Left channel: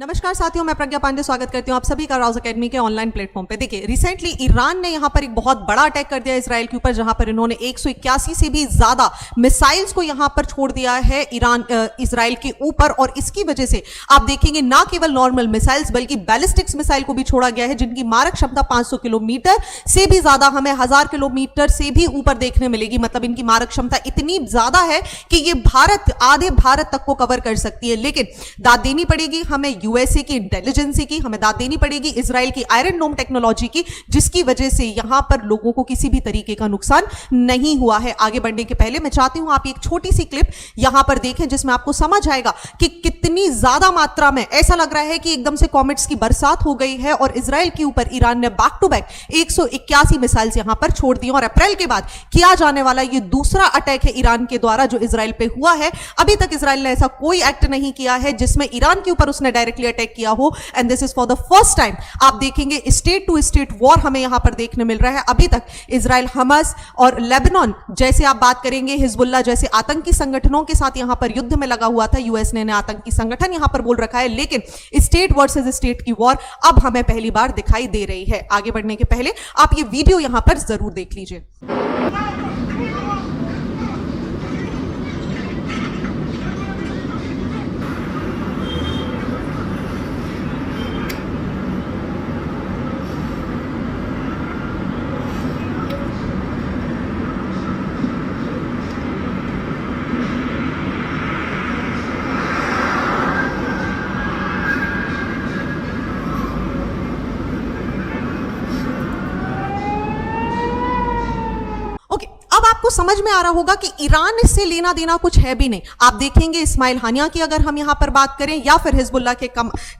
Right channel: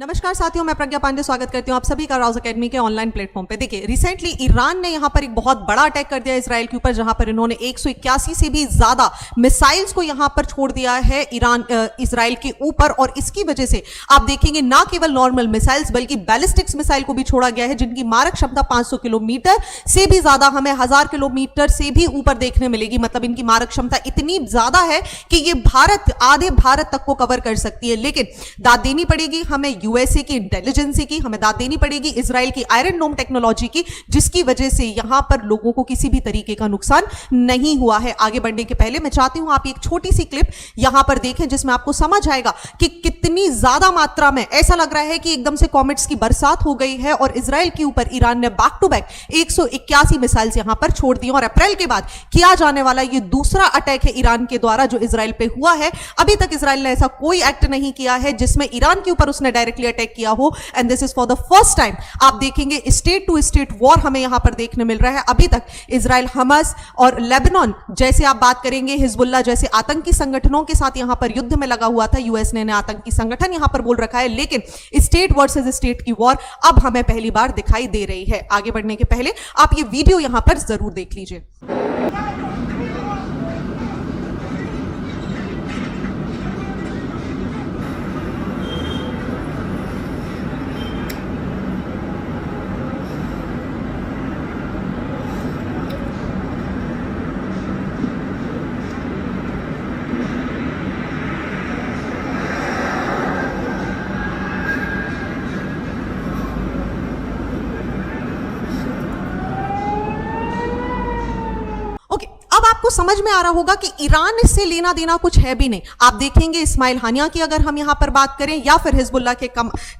नमस्कार साथियों, मैं प्रज्ञा पांडे स्वागत करती हूं आप सभी का राउज एकेडमी के ऑनलाइन प्लेटफॉर्म पे। देखिए, रिसेंटली ईरान ने यहां पर एक बहुत बड़ा अटैक कर दिया इजराइल के ऊपर, जहां पर इन्होंने 181 से भी ज्यादा मिसाइल्स को यहां पर छोड़ दिया है इजराइल के ऊपर। और इसकी वजह से आप देखेंगे ना केवल नॉर्मल मिसाइल्स बल्कि बैलिस्टिक्स मिसाइल को भी छोड़ा गया है, जिनकी मारक क्षमता 500 किलोमीटर से भी ज्यादा, हमें 1000 किलोमीटर से भी ऊपर देखने मिलेगी। मतलब इनकी मारक क्षमता इतनी ज्यादा है कि ये आधे भारत तक को कवर कर सकती है। लेकिन दाद देनी पड़ेगी हमें यूएसए की इंटेलिजेंसी की, हमें दाद देनी पड़ेगी इजराइल की आयरन डोम टेक्नोलॉजी की, जिसकी वजह से यहां पर लोगों को किसी भी तरीके का नुकसान नहीं हुआ है। आगे बढ़ने के पहले मैं चाहती हूं आप एक छोटी सी क्लिप यहां पर देखें, जिसमें आपको समझ आएगा कि कितनी ज्यादा मात्रा में ऐसा लग रहा है कि एकदम से कॉमेट्स की बरसात हो गई है और इजराइल के ऊपर ईरान ने बैक टू बैक 181 मिसाइल्स यहां पर छोड़ दी। और अप्रैल के बाद किया जाने वाला ये दूसरा अटैक है ईरान के द्वारा जो इजराइल पे हुआ है। अभी तक इजराइल ने ऐसा कोई एक्ट नहीं किया है जिसमें ईरान के ऊपर उसने डायरेक्टली अटैक किया हो, and this is for the first time. आप देखेंगे स्टेट टू स्टेट वॉर हमें यहां पर देखने मिल रहा है। अभी तक इजराइल हमास और लेबनान जैसे आप बात करेंगे, हिजबुल्लाह जैसे आतंकी संगठनों के साथ यहां पर युद्ध में लगा हुआ था। यूएस ने आतंकी संगठन यहां पर बोल रखा है, लेकिन स्टेट वर्सेस स्टेट की वॉर अब हमें पहली बार दिखाई दे रही है। आगे बढ़ने के पहले आप ये वीडियो यहां पर जरूर देख लीजिए। अब आपको समझ में आ रहा होगा कि ईरान से लेना देना कुछ है भी नहीं। आप देखेंगे इस्माइल हानिया की अगर हम यहां पर बात करें या फिर हिजबुल्लाह के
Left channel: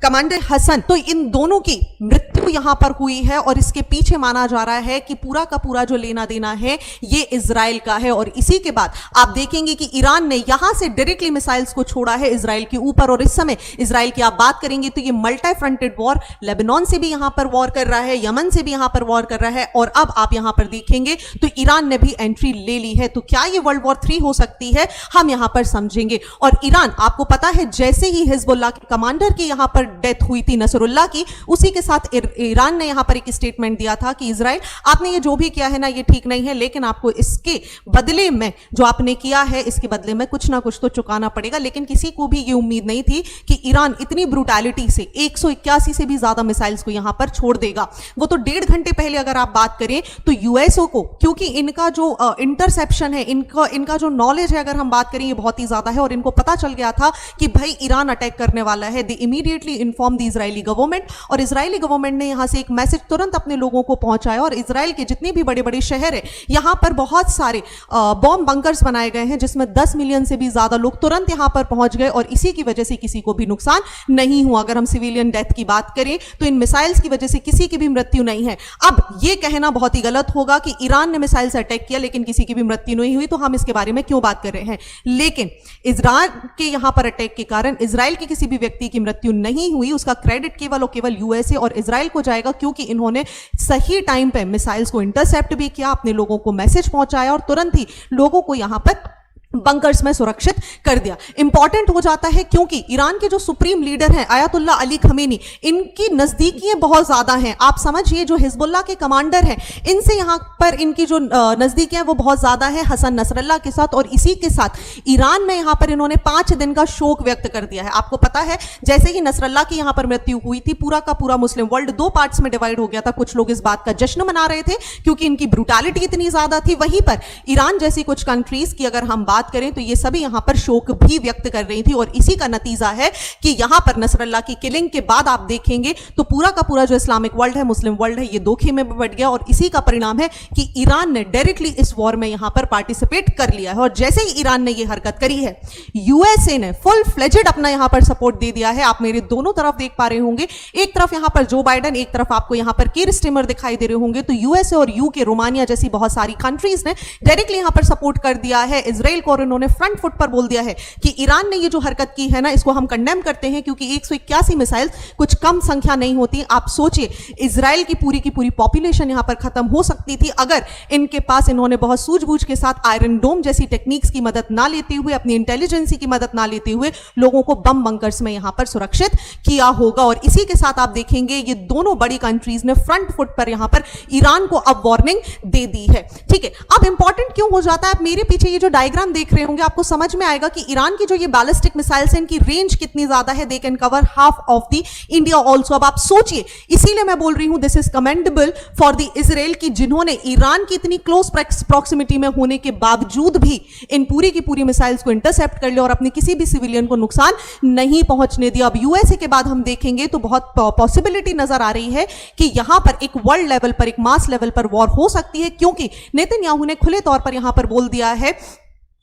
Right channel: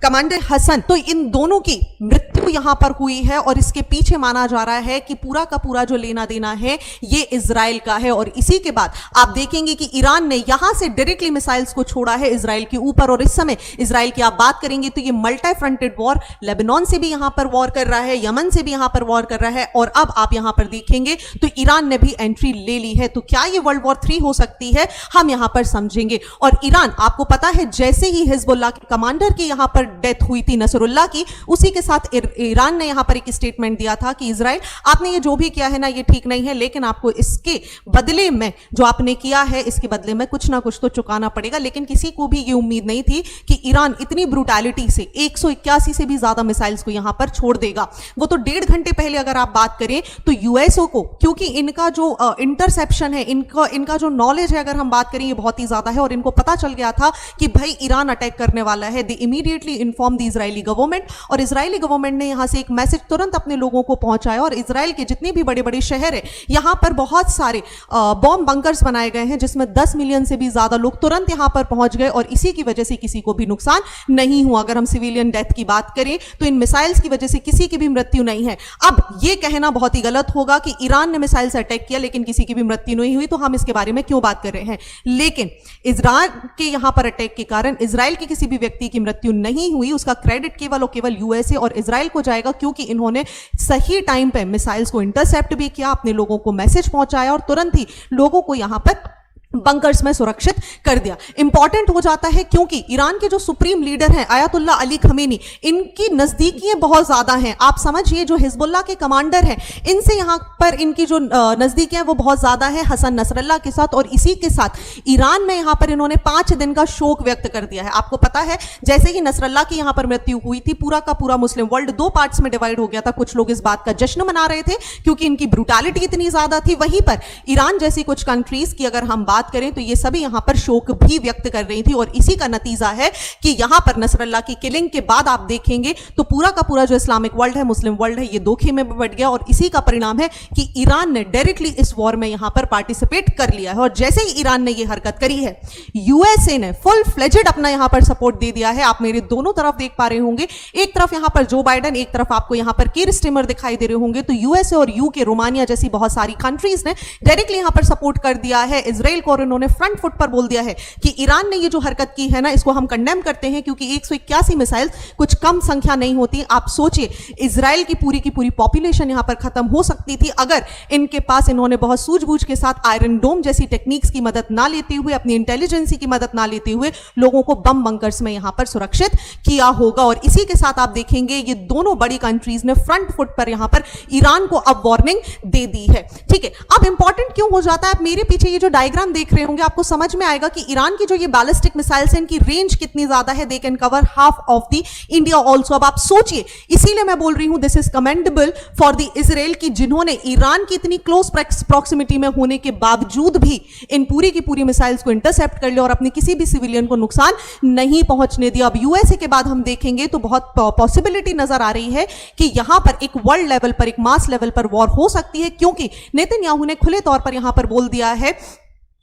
कमांडर हसन, तो इन दोनों की मृत्यु यहां पर हुई है। और इसके पीछे माना जा रहा है कि पूरा का पूरा जो लेना देना है ये इजराइल का है। और इसी के बाद आप देखेंगे कि ईरान ने यहां से डायरेक्टली मिसाइल्स को छोड़ा है इजराइल के ऊपर। और इस समय इजराइल की आप बात करेंगे तो ये मल्टी फ्रंटेड वॉर, लेबनान से भी यहां पर वॉर कर रहा है, यमन से भी यहां पर वॉर कर रहा है। और अब आप यहां पर देखेंगे तो ईरान ने भी एंट्री ले ली है। तो क्या ये वर्ल्ड वॉर 3 हो सकती है, हम यहां पर समझेंगे। और ईरान, आपको पता है जैसे ही हिजबुल्लाह के कमांडर की यहां पर डेथ हुई थी नसरुल्लाह की, उसी के साथ ईरान ने यहां पर एक स्टेटमेंट दिया था कि इजराइल आपने ये जो भी किया है ना ये ठीक नहीं है, लेकिन आपको इसके बदले में जो आपने किया है इसके बदले में कुछ ना कुछ तो चुकाना पड़ेगा। लेकिन किसी को भी ये उम्मीद नहीं थी कि ईरान इतनी ब्रुटैलिटी से 181 से भी ज्यादा मिसाइल्स को यहां पर छोड़ देगा। वो तो 1.5 घंटे पहले अगर आप बात करें तो यूएसओ को, क्योंकि इनका जो इंटरसेप्शन है, इनका जो नॉलेज है अगर हम बात करें ये बहुत ही ज्यादा है, और इनको पता चल गया था कि भाई ईरान अटैक करने वाला है। दे immediately inform the Israeli government, और इजरायली गवर्नमेंट ने यहां से एक मैसेज तुरंत अपने लोगों को पहुंचाया। और इजराइल के जितने भी बड़े बड़े शहर है यहां पर बहुत सारे बॉम्ब बंकर्स बनाए गए हैं, जिसमें 10 मिलियन से भी ज्यादा लोग तुरंत यहां पर पहुंच गए। और इसी की वजह से किसी को भी नुकसान नहीं हुआ। अगर हम सिविलियन डेथ की बात करें तो इन मिसाइल्स की वजह से किसी की भी मृत्यु नहीं है। अब यह कहना बहुत ही गलत होगा कि ईरान ने मिसाइल से अटैक किया लेकिन किसी की भी मृत्यु नहीं हुई, तो हम इसके बारे में क्यों बात कर रहे हैं। लेकिन इजराइल के यहां पर अटैक के कारण इजराइल के किसी भी व्यक्ति की मृत्यु नहीं हुई, उसका क्रेडिट केवल और केवल यूएसए और इजराइल को जाएगा, क्योंकि इन्होंने सही टाइम पे मिसाइल्स को इंटरसेप्ट भी किया, अपने लोगों को मैसेज पहुंचाया और तुरंत ही लोगों को यहां पर बंकर्स में सुरक्षित कर दिया। इंपॉर्टेंट हो जाता है क्योंकि ईरान के जो सुप्रीम लीडर हैं आयतुल्ला अली खमेनी, इनकी नजदीकियां बहुत ज्यादा हैं। आप समझिए जो हिजबुल्लाह के कमांडर हैं इनसे यहां पर इनकी जो नजदीकियां वो बहुत ज्यादा है हसन नसरल्लाह के साथ। और इसी के साथ ईरान में यहां पर इन्होंने 5 दिन का शोक व्यक्त कर दिया है। आपको पता है जैसे ही नसरल्लाह की यहां पर मृत्यु हुई थी, पूरा का पूरा मुस्लिम वर्ल्ड 2 पार्ट्स में डिवाइड हो गया था। कुछ लोग इस बात का जश्न मना रहे थे क्योंकि इनकी ब्रुटैलिटी इतनी ज्यादा थी, वहीं पर ईरान जैसी कुछ कंट्रीज की अगर हम बात करें तो ये सभी यहां पर शोक भी व्यक्त कर रही थी। और इसी का नतीजा है कि यहां पर नसरल्लाह की किलिंग के बाद आप देखेंगे तो पूरा का पूरा जो इस्लामिक वर्ल्ड है, मुस्लिम वर्ल्ड है, ये दो खेमे में बढ़ गया। और इसी का परिणाम है कि ईरान ने डायरेक्टली इस वॉर में यहां पर पार्टिसिपेट कर लिया है। और जैसे ही ईरान ने ये हरकत करी है, यूएसए ने फुल फ्लेजेड अपना यहां पर सपोर्ट दे दिया है। आप मेरे दोनों तरफ देख पा रहे होंगे, एक तरफ यहां पर जो बाइडेन, एक तरफ आपको यहां पर कीर स्टीमर दिखाई दे रहे होंगे। तो यूएसए और यूके, रोमानिया जैसी बहुत सारी कंट्रीज ने डायरेक्टली यहां पर सपोर्ट कर दिया है इजराइल और इन्होंने फ्रंट फुट पर बोल दिया है कि ईरान ने ये जो हरकत की है ना, इसको हम कंडेम करते हैं, क्योंकि 181 मिसाइल कुछ कम संख्या नहीं होती। आप सोचिए, इजराइल की पूरी पॉपुलेशन यहां पर खत्म हो सकती थी अगर इनके पास इन्होंने बहुत सूझबूझ के साथ आयरन डोम जैसी टेक्निक्स की मदद ना लेते हुए, अपनी इंटेलिजेंसी की मदद ना लेते हुए लोगों को बम बंकर्स में यहां पर सुरक्षित किया होगा। और इसी के साथ आप देखेंगे ये दोनों बड़ी कंट्रीज ने फ्रंट फुट पर यहां पर ईरान को अब वार्निंग दे दी है। ठीक है, अब इंपॉर्टेंट क्यों हो जाता है, आप मेरे पीछे ये जो डायग्राम देख रहे होंगे आपको समझ में आएगा कि ईरान की जो ये बैलिस्टिक मिसाइल्स हैं, इनकी रेंज कितनी ज्यादा है। They can cover half of the India also. अब आप सोचिए, इसीलिए मैं बोल रही हूं this is commendable for the Israel की, जिन्होंने ईरान की इतनी क्लोज प्रॉक्सिमिटी में होने के बावजूद भी इन पूरी की पूरी मिसाइल्स को इंटरसेप्ट कर लिया और अपने किसी भी सिविलियन को नुकसान नहीं पहुंचने दिया। अब यूएसए के बाद हम देखेंगे तो बहुत पॉसिबिलिटी नजर आ रही है कि यहां पर एक वर्ल्ड लेवल पर, एक मास लेवल पर वॉर हो सकती है, क्योंकि नेतन्याहू ने खुले तौर पर यहां पर बोल दिया है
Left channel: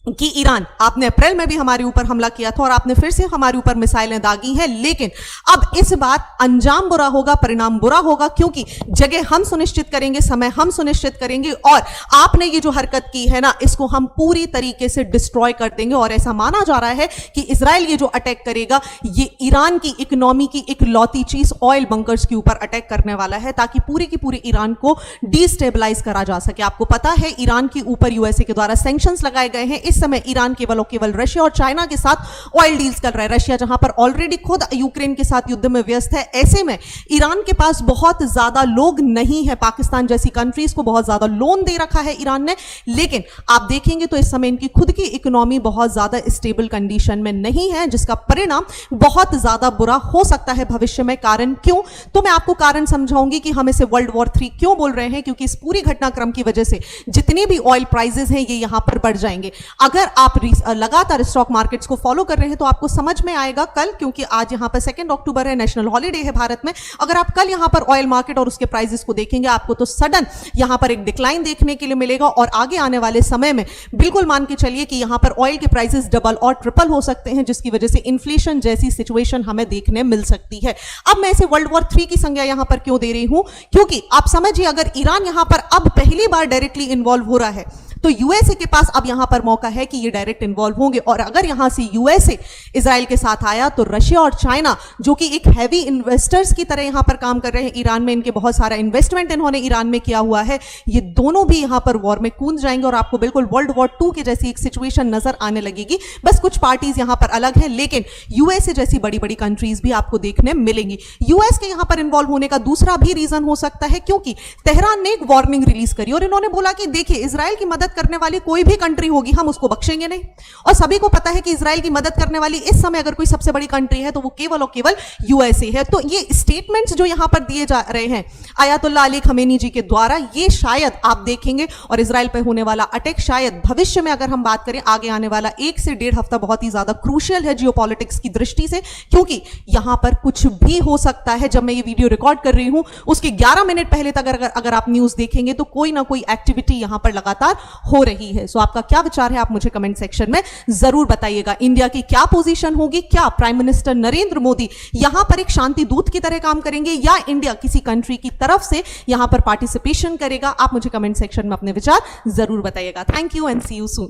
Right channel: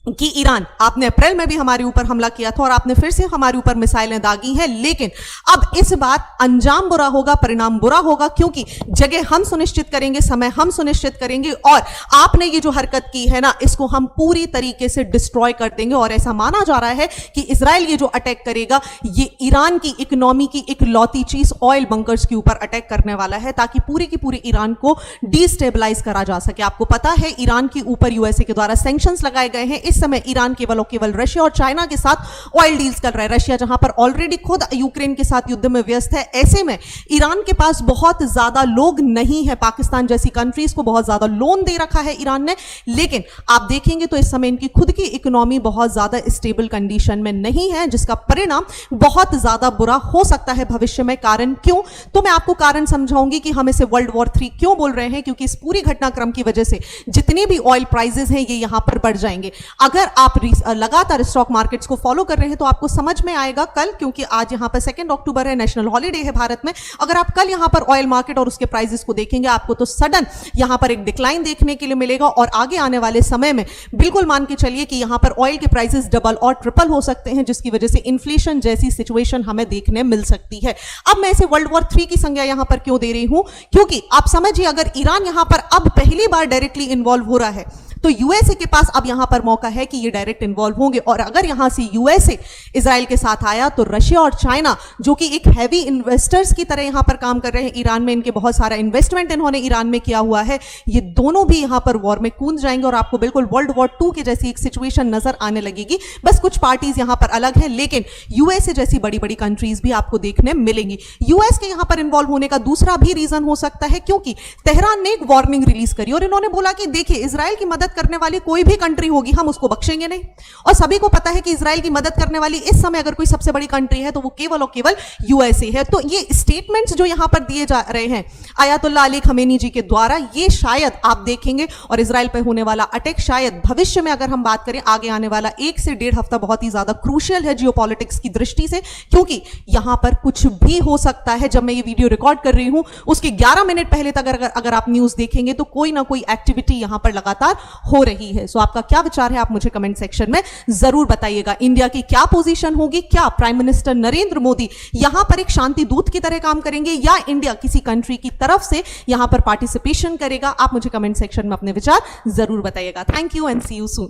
कि ईरान, आपने अप्रैल में भी हमारे ऊपर हमला किया था और आपने फिर से हमारे ऊपर मिसाइलें दागी हैं, लेकिन अब इस बार अंजाम बुरा होगा, परिणाम बुरा होगा, क्योंकि जगह हम सुनिश्चित करेंगे, समय हम सुनिश्चित करेंगे और आपने ये जो हरकत की है ना, इसको हम पूरी तरीके से डिस्ट्रॉय कर देंगे। और ऐसा माना जा रहा है कि इजराइल ये जो अटैक करेगा, ये ईरान की इकोनॉमी की इकलौती चीज ऑयल बंकर्स के ऊपर अटैक करने वाला है, ताकि पूरी की पूरी ईरान को डिस्टेबलाइज करा जा सके। आपको पता है ईरान के ऊपर यूएसए के द्वारा सैंक्शंस लगाए गए हैं। इस समय ईरान केवल और केवल रशिया और चाइना के साथ ऑयल डील्स कर रहा है। रशिया जहां पर ऑलरेडी खुद यूक्रेन के साथ युद्ध में व्यस्त है, ऐसे में ईरान के पास बहुत ज्यादा लोग नहीं है। पाकिस्तान जैसी कंट्रीज को बहुत ज्यादा लोन दे रखा है ईरान ने, लेकिन आप देखेंगे तो इस समय इनकी खुद की इकोनॉमी बहुत ज्यादा स्टेबल कंडीशन में नहीं है, जिसका परिणाम बहुत ज्यादा बुरा हो सकता है भविष्य में। कारण क्यों, तो मैं आपको कारण समझाऊंगी कि हम इसे वर्ल्ड वॉर 3 क्यों बोल रहे हैं, क्योंकि इस पूरी घटनाक्रम की वजह से जितनी भी ऑयल प्राइसेस हैं, ये यहां पर बढ़ जाएंगे। अगर आप लगातार स्टॉक मार्केट्स को फॉलो कर रहे हैं तो आपको समझ में आएगा कल, क्योंकि आज यहां पर 2 अक्टूबर है, नेशनल हॉलिडे है भारत में। अगर आप कल यहां पर ऑयल मार्केट और उसके प्राइसेस को देखेंगे, आपको तो सडन यहां पर एक डिक्लाइन देखने के लिए मिलेगा और आगे आने वाले समय में बिल्कुल मान के चलिए कि यहां पर ऑयल के प्राइसेस डबल और ट्रिपल हो सकते हैं, जिसकी वजह से इन्फ्लेशन जैसी सिचुएशन हमें देखने मिल सकती है। अब मैं इसे वर्ल्ड वॉर 3 की संज्ञा यहां पर क्यों दे रही हूं, क्योंकि आप समझिए, अगर ईरान यहां पर अब पहली बार डायरेक्टली इन्वॉल्व हो रहा है, तो यूएसए के पास अब यहां पर मौका है कि ये डायरेक्ट इन्वॉल्व होंगे। और अगर यहां से यूएसए इजराइल के साथ आया, तो रशिया और चाइना, जो कि एक हैवी इन्वेस्टर्स की तरह यहां पर काम कर रहे हैं, ईरान में इनके बहुत सारा इन्वेस्टमेंट इन्होंने ईरान में किया हुआ है, ये दोनों भी यहां पर वॉर में कूद जाएंगे और आपको बिल्कुल वर्ल्ड वॉर 2 की जैसी एक सिचुएशन नजर आने लगेगी। बस कुछ पार्टीज यहां पर अलग है, लेकिन यूएसए जैसी बड़ी बड़ी कंट्रीज भी आपको देखने मिलेंगी। यूएस के यहां पर इन्वॉल्व होने का दूसरा भी रीजन हो सकता है, क्योंकि तेहरान ने एक वार्निंग रिलीज करी और इन्होंने बोला कि देखिए, इजराइल की मदद करने वाली कोई भी कंट्री होगी, हम उसको बख्शेंगे नहीं। और सभी को पता है कि इजराइल की मदद करने वाली इस समय अगर कोई सबसे बड़ी कंट्री है, तो वो केवल और केवल यूएसए है। तो ये स्टेटमेंट्स जो यहां पर दिए जा रहे हैं आयतुल्लाह अली खमेनी जी के द्वारा, ये शायद आप देखेंगे, और इजराइल पर होने वाला अटैक शायद भविष्य में, अगर हम बात करें आगे आने वाला 1 से 1.5 हफ्ता, बहुत ही ज्यादा क्रूशियल है जियोपॉलिटिक्स की दृष्टि से, क्योंकि यहां पर कुछ भी हो सकता है। जब मैं ये वीडियो रिकॉर्ड कर रही हूं, उसके 11 मिनट पहले तक अगर आप न्यूज देखेंगे, तो कोई ना कोई एक्टिविटी यहां पर लगातार हो रही है। सो आपका क्या विचार है, आप मुझे कमेंट सेक्शन में जरूर बताइएगा। इंडिया की क्या पोजीशन होगी, क्या प्राइम मिनिस्टर नरेंद्र मोदी यहां पर एक शांति दूत की तरह काम करेंगे, या इंडिया किसी कंट्री की तरफ से यहां पर पार्टिसिपेशन करेगा? आप मुझे कमेंट सेक्शन में अपने विचार जरूर बताइएगा। Thank you and see you soon.